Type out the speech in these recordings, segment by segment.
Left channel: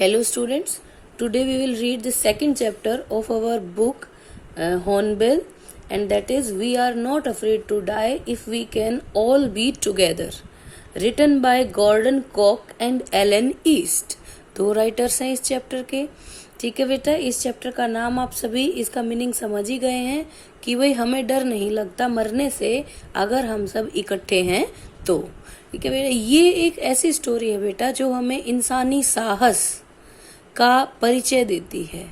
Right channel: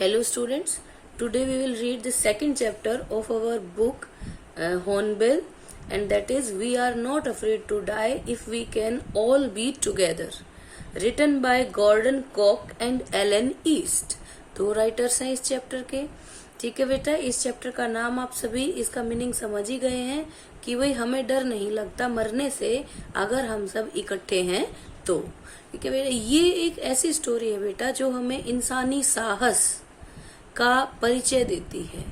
Hello students, today we will read the second chapter of our book Hornbill, and that is We Are Not Afraid to Die If We Can All Be Together, written by Gordon Koch and Ellen East. दो writers हैं इस chapter के. ठीक है बेटा, इस chapter का नाम आप सभी इसका मीनिंग समझ ही गए हैं कि भाई हमें डर नहीं लगता मरने से अगर हम सब इकट्ठे हैं तो. ठीक है बेटा, ये एक ऐसी स्टोरी है बेटा जो हमें इंसानी साहस का परिचय देती है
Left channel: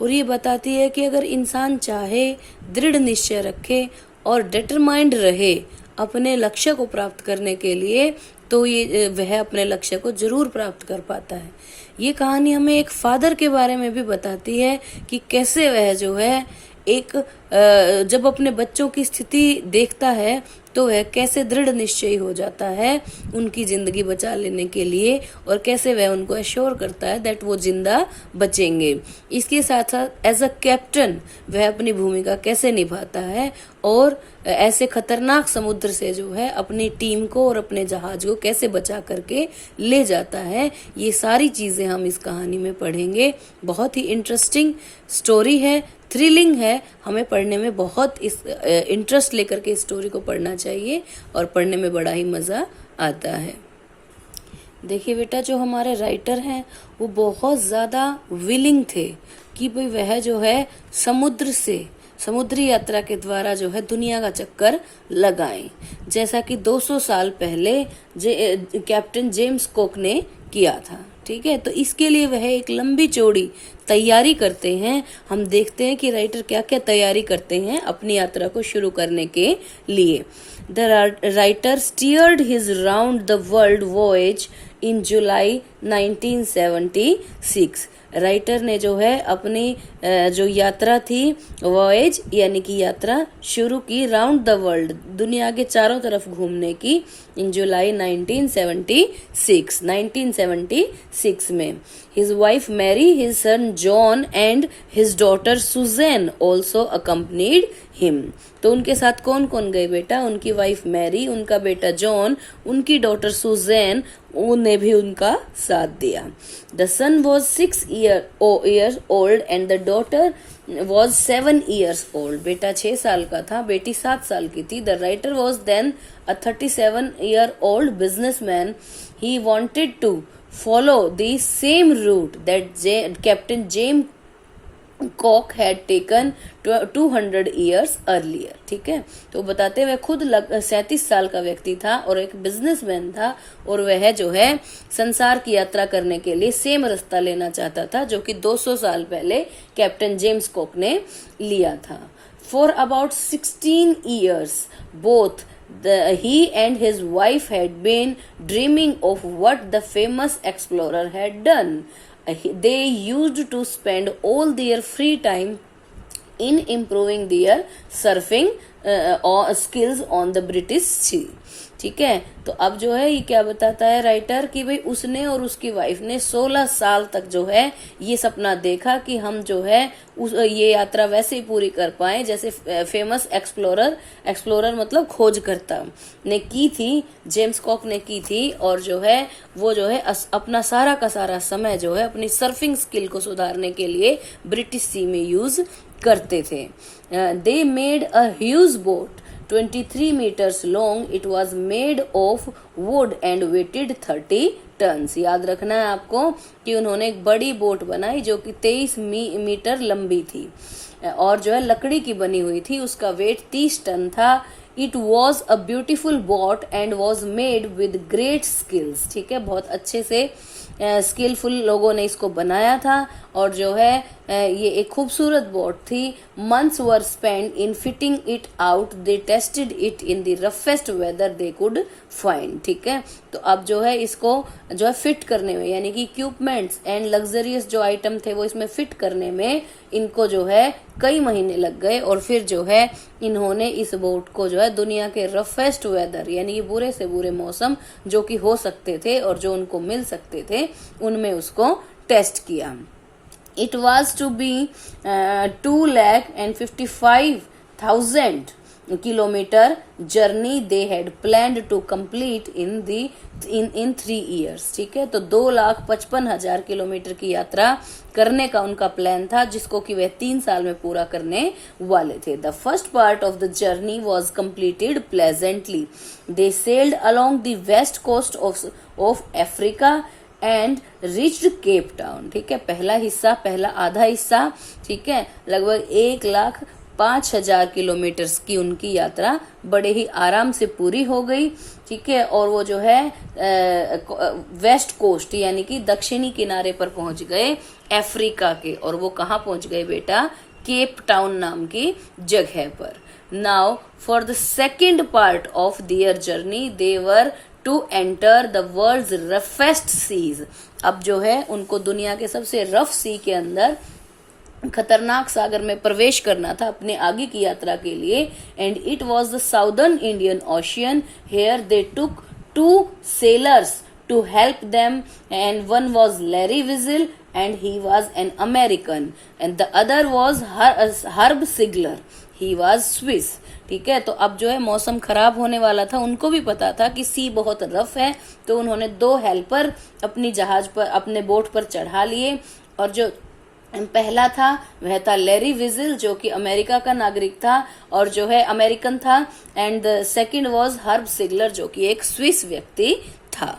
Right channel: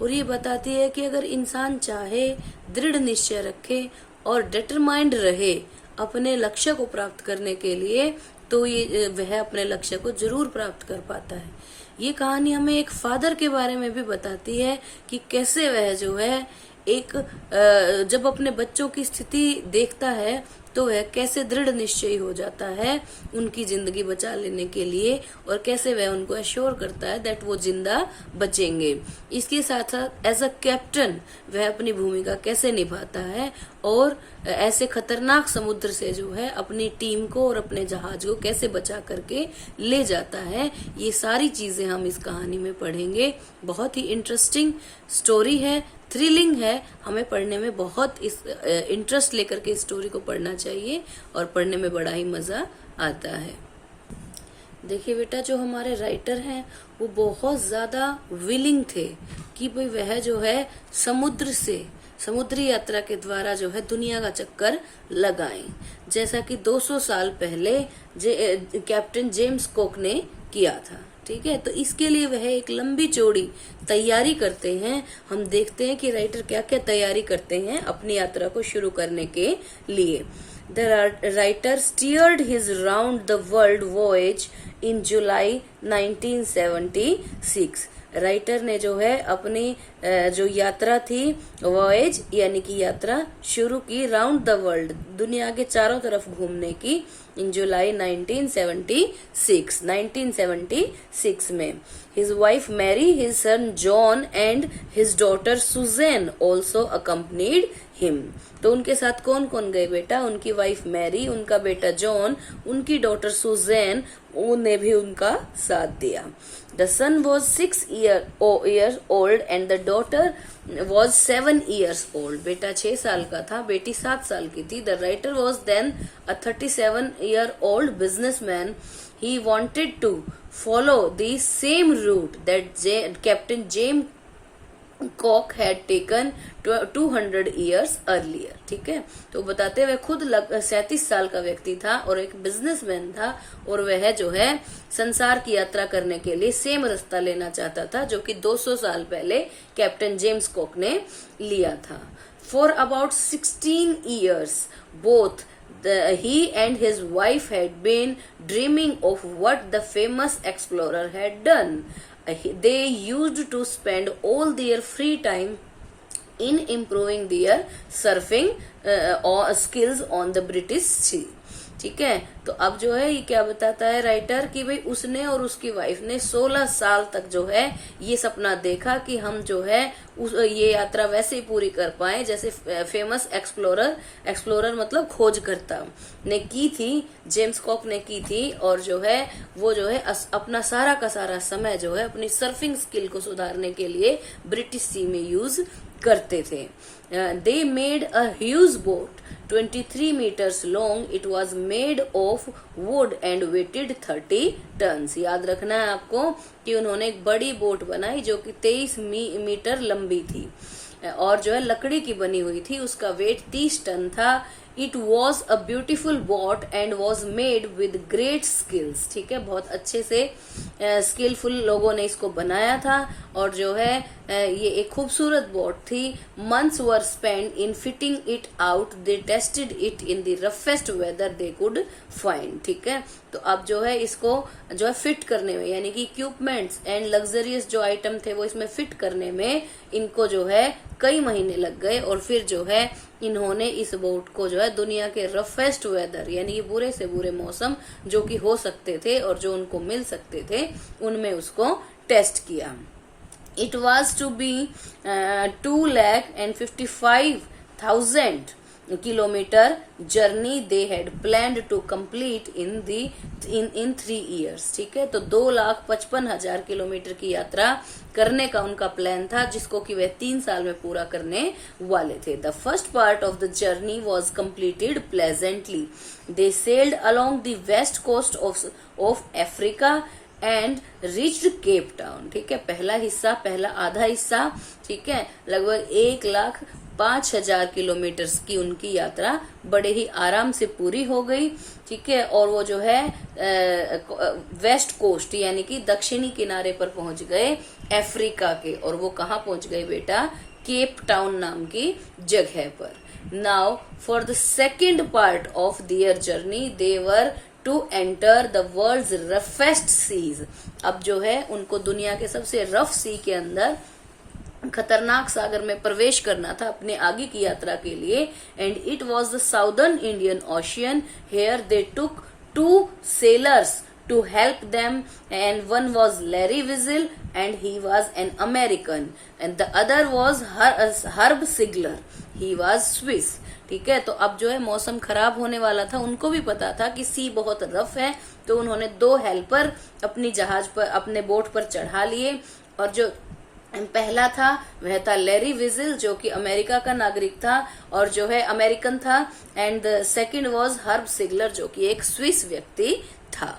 और ये बताती है कि अगर इंसान चाहे, दृढ़ निश्चय रखे और डिटरमाइंड रहे अपने लक्ष्य को प्राप्त करने के लिए, तो ये वह अपने लक्ष्य को जरूर प्राप्त कर पाता है. ये कहानी हमें एक फादर के बारे में भी बताती है कि कैसे वह जो है एक जब अपने बच्चों की स्थिति देखता है तो वह कैसे दृढ़ निश्चयी हो जाता है उनकी जिंदगी बचा लेने के लिए और कैसे वह उनको एश्योर करता है दैट वो जिंदा बचेंगे. इसके साथ साथ एज अ कैप्टन वह अपनी भूमिका कैसे निभाता है और ऐसे खतरनाक समुद्र से जो है अपनी टीम को और अपने जहाज को कैसे बचा करके ले जाता है. ये सारी चीजें हम इस कहानी में पढ़ेंगे. बहुत ही इंटरेस्टिंग स्टोरी है, थ्रिलिंग है. हमें पढ़ने में बहुत इस इंटरेस्ट लेकर के इस स्टोरी को पढ़ना चाहिए और पढ़ने में बड़ा ही मजा आता है. देखिए बेटा, जो हमारे राइटर हैं वो बहुत ज्यादा विलिंग थे कि भाई वह जो है समुद्री यात्रा के द्वारा जो है दुनिया का चक्कर लगाएं, जैसा कि 200 साल पहले कैप्टन जेम्स कुक ने किया था. ठीक है, तो इसके लिए वह एक लंबी चौड़ी तैयारी करते हैं. हम देखते हैं कि राइटर क्या क्या तैयारी करते हैं अपनी यात्रा को शुरू करने के लिए. The writer steered his round the world voyage in July 1976. Writer ने जो है अपनी जो यात्रा थी वॉयज यानी कि यात्रा शुरू की राउंड द वर्ल्ड, दुनिया के चारों तरफ घूमने की, इन जुलाई 1976 में. His wife Mary, his son John and his daughter Suzanne also accompanied him. तो उनके साथ कौन कौन गए बेटा? उनकी वाइफ मैरी, उनका बेटा जॉन, उनकी डॉटर सुजैन, उन्हें भी उनका साथ दिया. The son was 6 years old and the daughter was 7 years old. बेटा 6 साल का था, बेटी 7 साल की थी. The writer was then a 37-year-old businessman. He wanted to follow the same route that Captain James Cook had taken 200 years earlier. ठीक है, तो बताते हुए खुद 37 साल का व्यक्ति था और एक बिजनेसमैन था और वह जो है संसार की यात्रा करने के लिए सेम रास्ता लेना चाहता था जो कि 200 साल पहले कैप्टन जेम्स कुक ने लिया था. For about 16 years both he and his wife had been dreaming of what the famous explorer had done. They used to spend all their free time in improving their surfing skills on the British Sea. ठीक है, तो अब जो है ये क्या बताता है राइटर कि भाई उसने और उसकी वाइफ ने 16 साल तक जो है ये सपना देखा कि हम जो है ये यात्रा वैसे ही पूरी कर पाए जैसे फेमस एक्सप्लोरर मतलब खोजकर्ता ने की थी, जेम्स कुक ने की थी. और जो है वो जो है अपना सारा का सारा समय जो है अपनी सर्फिंग स्किल को सुधारने के लिए ब्रिटिश सी में यूज करते थे. They made a huge boat 23 meters long. It was made of wood and weighted 30 tons. याद रखना है आपको कि उन्होंने एक बड़ी बोट बनाई जो कि 23 मीटर लंबी थी और जो है लकड़ी की बनी हुई थी. उसका वेट 30 टन था. It was a beautiful boat and was made with great skills. ठीक है, बहुत अच्छे से स्किलफुल लोगों ने इसको बनाया था और जो है ये एक खूबसूरत बोट थी. Months were spent in fitting it out. They tested it in the roughest weather they could find. ठीक है, तो अब जो है इसको जो है फिट करने में यानी कि इक्विपमेंट्स एंड लग्जरियस जो आइटम थे वो इसमें फिट करने में इनको जो है कई महीने लग गए और फिर जो है इन्होंने इस बोट को जो है दुनिया के रफेस्ट वेदर यानी कि बुरे से बुरे मौसम जो कि हो सकते थे और जो उनको मिल सकते थे उनमें उसको टेस्ट किया. It was to be 2,55,000 kilometer journey they had planned to complete in 3 years. ठीक है, तो 2,55,000 किलोमीटर की यात्रा करने का उनका प्लान था, जिसको कि वह 3 साल में पूरा करने वाले थे. The first part of the journey was completed pleasantly. They sailed along the west coast of Africa and reached Cape Town. ठीक है, पहला आधा हिस्सा, ठीक है, लगभग 1,05,000 किलोमीटर की उनकी यात्रा बड़े ही आराम से पूरी हो गई. ठीक है, और वो जो है वेस्ट कोस्ट यानी कि दक्षिणी किनारे पर पहुंच गए अफ्रीका के. और वो कहाँ पहुंच गए बेटा? केप टाउन नाम की जगह पर. Now for the second part of their journey they were to enter the world's roughest seas. अब जो है उनको दुनिया के सबसे रफ सी के अंदर, खतरनाक सागर में प्रवेश करना था अपने आगे की यात्रा के लिए. And it was the southern Indian Ocean. Here they took 2 sailors to help them, and one was Larry Wiesel and he was an American, and the other was Herb Sigler, he was Swiss. ठीक है, तो अब जो है मौसम खराब होने वाला था, उनको भी पता था कि सी बहुत रफ है, तो उन्होंने 2 हेल्पर अपनी जहाज पर, अपने बोट पर चढ़ा लिए. और जो पहला था वह था लैरी विजिल, जो कि अमेरिका का नागरिक था और जो है अमेरिकन था. And the second was Herb Sigler, जो कि एक स्विस व्यक्ति था.